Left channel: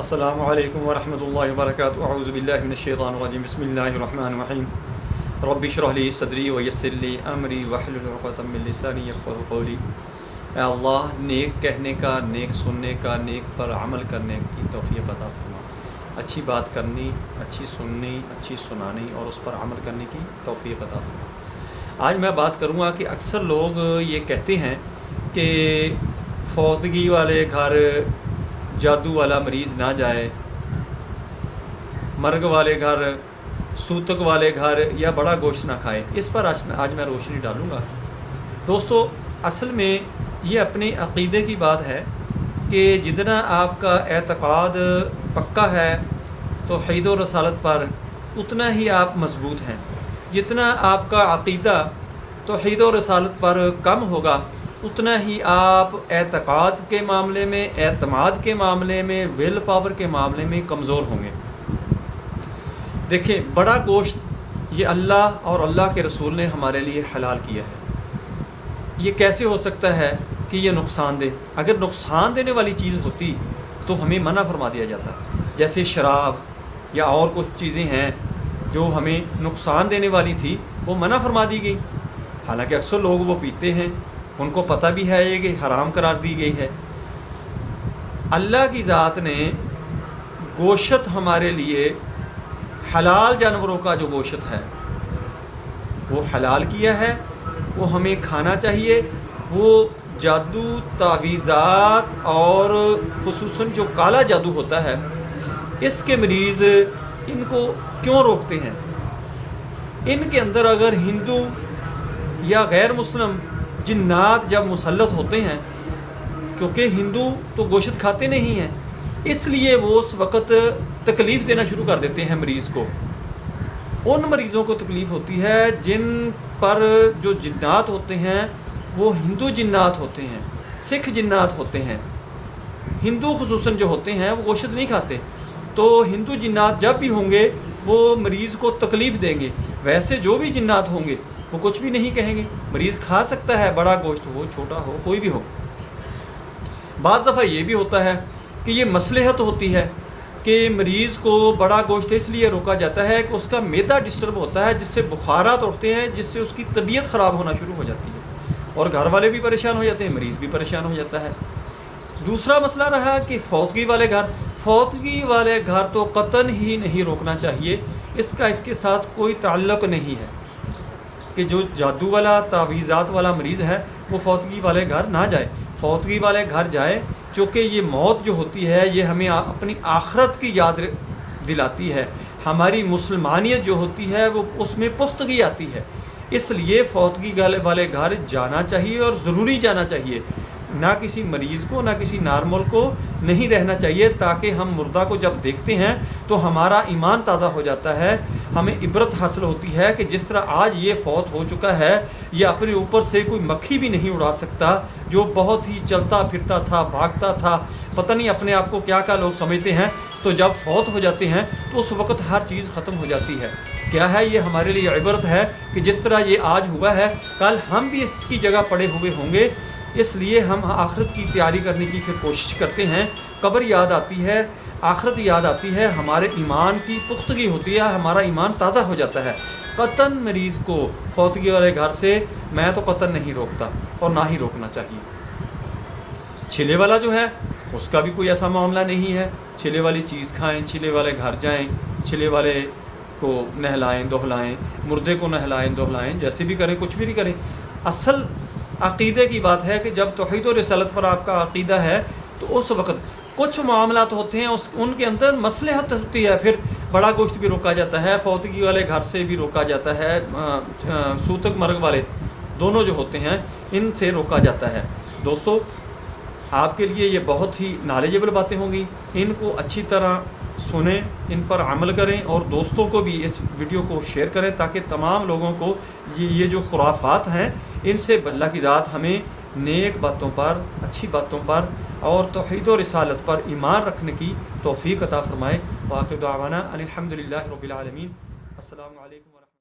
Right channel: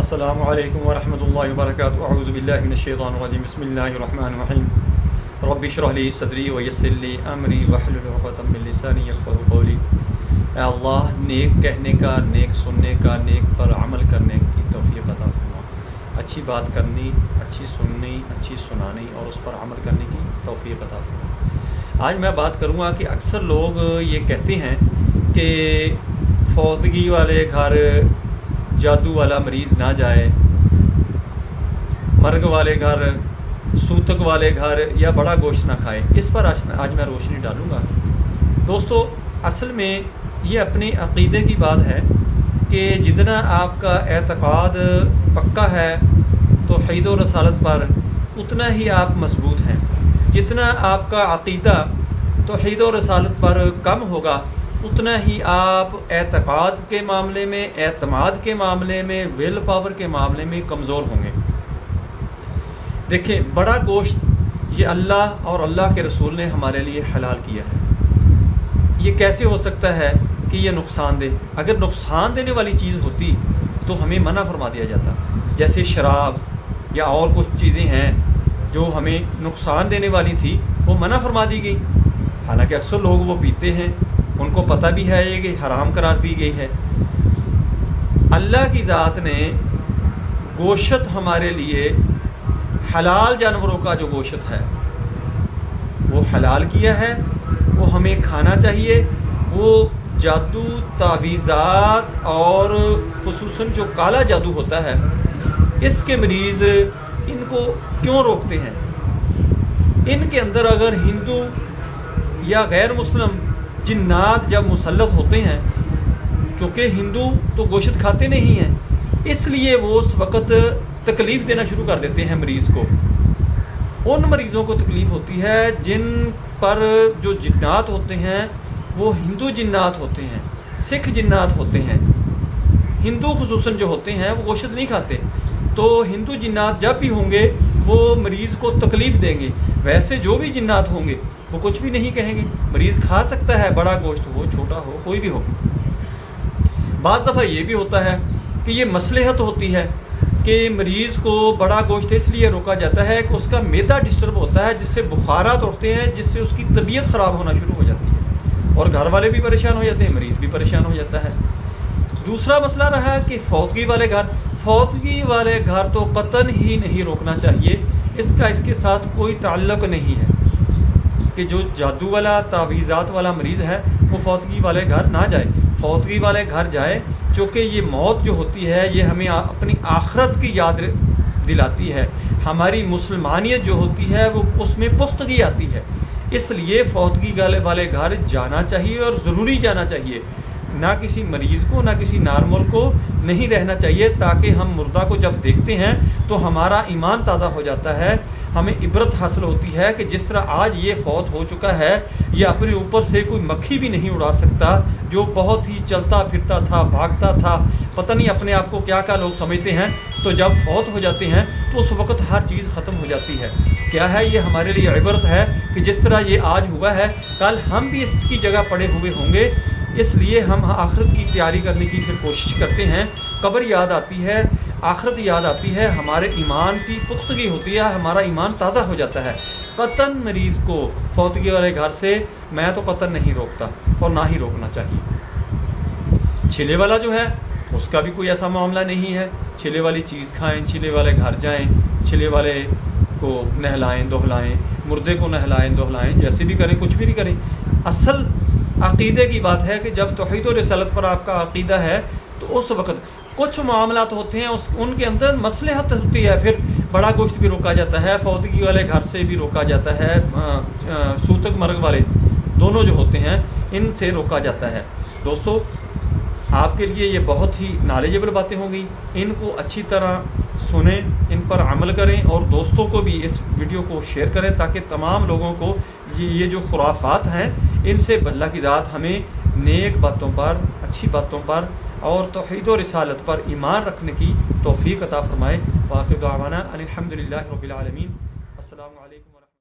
السلام علیکم ورحمۃ اللہ وبرکاتہ۔ اعوذ باللہ من الشیطان الرجیم، بسم اللہ الرحمن الرحیم۔ رب اشرح لی صدری ویسر لی امری واحلل عقدۃ من لسانی یفقہوا قولی۔ اے اللہ، نیک کہنے کا، نیک سننے کا، نیک پر عمل کرنے کی توفیق عطا فرما۔ اچھی بات کرنی، اچھی سننی، اچھی سنانی اور اس پر عمل کرنے کی توفیق عطا فرما۔ آج میں بات کروں گا کہ اکثر لوگ یہ کہتے ہیں کہ فوتگی والے گھر جادو والا مریض نہ جائے، مرگ والے گھر، سوتک والے گھر یا بڑا گوشت نہ کھائے۔ اس پر آج میں روشنی ڈالوں گا۔ دوستو، اصل میں یہ اپنے عقیدے کی بات ہے کہ جتنا آپ کا اعتقاد پکا ہے توحید و رسالت پر، اتنا ہی آپ مضبوط ہیں۔ جتنا آپ کا عقیدہ توحید و رسالت پر کم ہوگا، اتنا ہی آپ اعتقاد کے معاملے میں، اعتماد کے معاملے میں، ول پاور کے معاملے میں کمزور ہوں گے۔ دیکھیں، بڑا گوشت یہ اللہ اور اللہ کے رسول نے ہمارے لیے حلال کیا ہے۔ یہ کیسے ہو سکتا ہے کہ یہ نقصان دہ؟ اگر نقصان دینے والی چیز ہوتی تو ہمیں منع فرما دیا جاتا، جیسے شراب یا اور کچھ چیزیں ہیں جو ہمیں نقصان دینے والی تھی، وہ منع فرما دی گئی۔ حالانکہ اکثر لوگ وہ پیتے ہیں، ان کو پتہ بھی ہے یہ کہ حرام قرار دی گئی ہے۔ اللہ کی ذات نے گوشت ہمارے لیے حلال جانوروں کا جو گوشت ہے وہ حلال کیا ہے، وہ ہمیں کھانا چاہیے۔ وہ جادو، تعویذات اور خصوصاً جو کالا جادو ہوتا ہے، اس کے مریض ان کو کیوں روکتے ہیں؟ ان کے اندر اگر ہندو یا غیر مسلم جنات جب مسلط ہوتے ہیں، کیونکہ ہندو تو گوشت کھاتے نہیں ہیں، اس لیے وہ اس وقت تکلیف دینا شروع کر دیتے ہیں مریض کو۔ ان مریضوں کو تکلیف ہوتی ہے جن پر جو جنات ہوتے ہیں وہ ہندو جنات ہوتے ہیں، سکھ جنات ہوتے ہیں۔ ہندو خصوصاً جو ہوتے ہیں وہ گوشت نہیں کھاتے، تو ہندو جنات جب بھی ہوں گے وہ مریض کو تکلیف دیں گے۔ ویسے جو بھی جنات ہوں گے وہ کچھ بھی نہیں کہیں گے، مریض کھا سکتا ہے، بڑا گوشت ہو، چھوٹا ہو، کوئی بھی ہو۔ بعض دفعہ یہ بھی ہوتا ہے کہ یہ مصلحت ہوتی ہے کہ مریض کو بڑا گوشت اس لیے روکا جاتا ہے کہ اس کا معدہ ڈسٹرب ہوتا ہے، جس سے بخارات اٹھتے ہیں، جس سے اس کی طبیعت خراب ہونا شروع ہو جاتی ہے اور گھر والے بھی پریشان ہو جاتے ہیں، مریض بھی پریشان ہو جاتا ہے۔ دوسرا مسئلہ رہا کہ فوتگی والے گھر تو قطعاً ہی نہیں روکنا چاہیے۔ اس کے ساتھ کوئی تعلق نہیں ہے کہ جو جادو والا، تعویذات والا مریض ہے وہ فوتگی والے گھر نہ جائے، فوتگی والے گھر جائے، چونکہ یہ موت جو ہوتی ہے یہ ہمیں اپنی آخرت کی یاد دلاتی ہے۔ ہماری مسلمانیت جو ہوتی ہے وہ اس میں پختگی آتی ہے، اس لیے فوتگی والے گھر جانا چاہیے اور ضروری جانا چاہیے۔ نہ کسی مریض کو، نہ کسی نارمل کو نہیں رہنا چاہیے، تاکہ ہم مردہ کو جب دیکھتے ہیں تو ہمارا ایمان تازہ ہو جاتا ہے، ہمیں عبرت حاصل ہوتی ہے کہ جس طرح آج یہ فوت ہو چکا ہے، یہ اپنے اوپر سے کوئی مکھی بھی نہیں اڑا سکتا، جو بہت ہی چلتا پھرتا تھا، بھاگتا تھا، پتہ نہیں اپنے آپ کو کیا کیا لوگ سمجھتے ہیں، تو جب فوت ہو جاتے ہیں تو اس وقت ہر چیز ختم ہو جاتی ہے۔ کیا ہے؟ یہ ہمارے لیے عبرت ہے کہ جس طرح یہ آج ہوا ہے، کل ہم بھی اس کی جگہ پڑے ہوئے ہوں گے۔ اس لیے ہم آخرت کی تیاری کرنے کی پھر کوشش کرتے ہیں۔ قبر یاد آتی ہے، آخرت یاد آتی ہے، ہمارے ایمان کی پختگی ہوتی ہے، ہمارا ایمان تازہ ہو جاتا ہے۔ قطعاً مریض کو فوتگی والے گھر سے میں تو قطعاً نہیں روکتا اور نہ ہی روکنا چاہیے۔ چھلے والا جو ہے اس کا بھی کوئی ایسا معاملہ نہیں ہے، چھلے والی چیز کھائیں، چھلے والے گھر جائیں، چھلے والے کو نہلائیں دہلائیں، مردے کو نہلائیں دہلائیں، جیسے بھی کریں، کچھ بھی نہیں کریں۔ اصل عقیدے کی بات ہے کہ جب توحید و رسالت پر آپ کا عقیدہ ہے تو اس وقت کچھ معاملات ہوتے ہیں ان کے اندر مصلحت ہوتی ہے، پھر بڑا گوشت بھی روکا جاتا ہے، فوتگی والے گھر سے بھی روکا جاتا ہے، سوتک مرگ والے دونوں جو ہوتے ہیں ان سے روکا جاتا ہے۔ دوستو، آپ کے لیے یہ بہت ہی نالجبل باتیں ہوں گی، ان کو اچھی طرح سنیں، ان پر عمل کریں اور دوستوں کو بھی اس ویڈیو کو شیئر کریں تاکہ تمام لوگوں کو یہ جو خرافات ہیں ان سے اللہ کی ذات ہمیں نیک باتوں پر، اچھی باتوں پر اور توحید و رسالت پر ایمان رکھنے کی توفیق عطا فرمائے۔ وآخر دعوانا ان الحمد للہ رب العالمین۔ السلام علیکم۔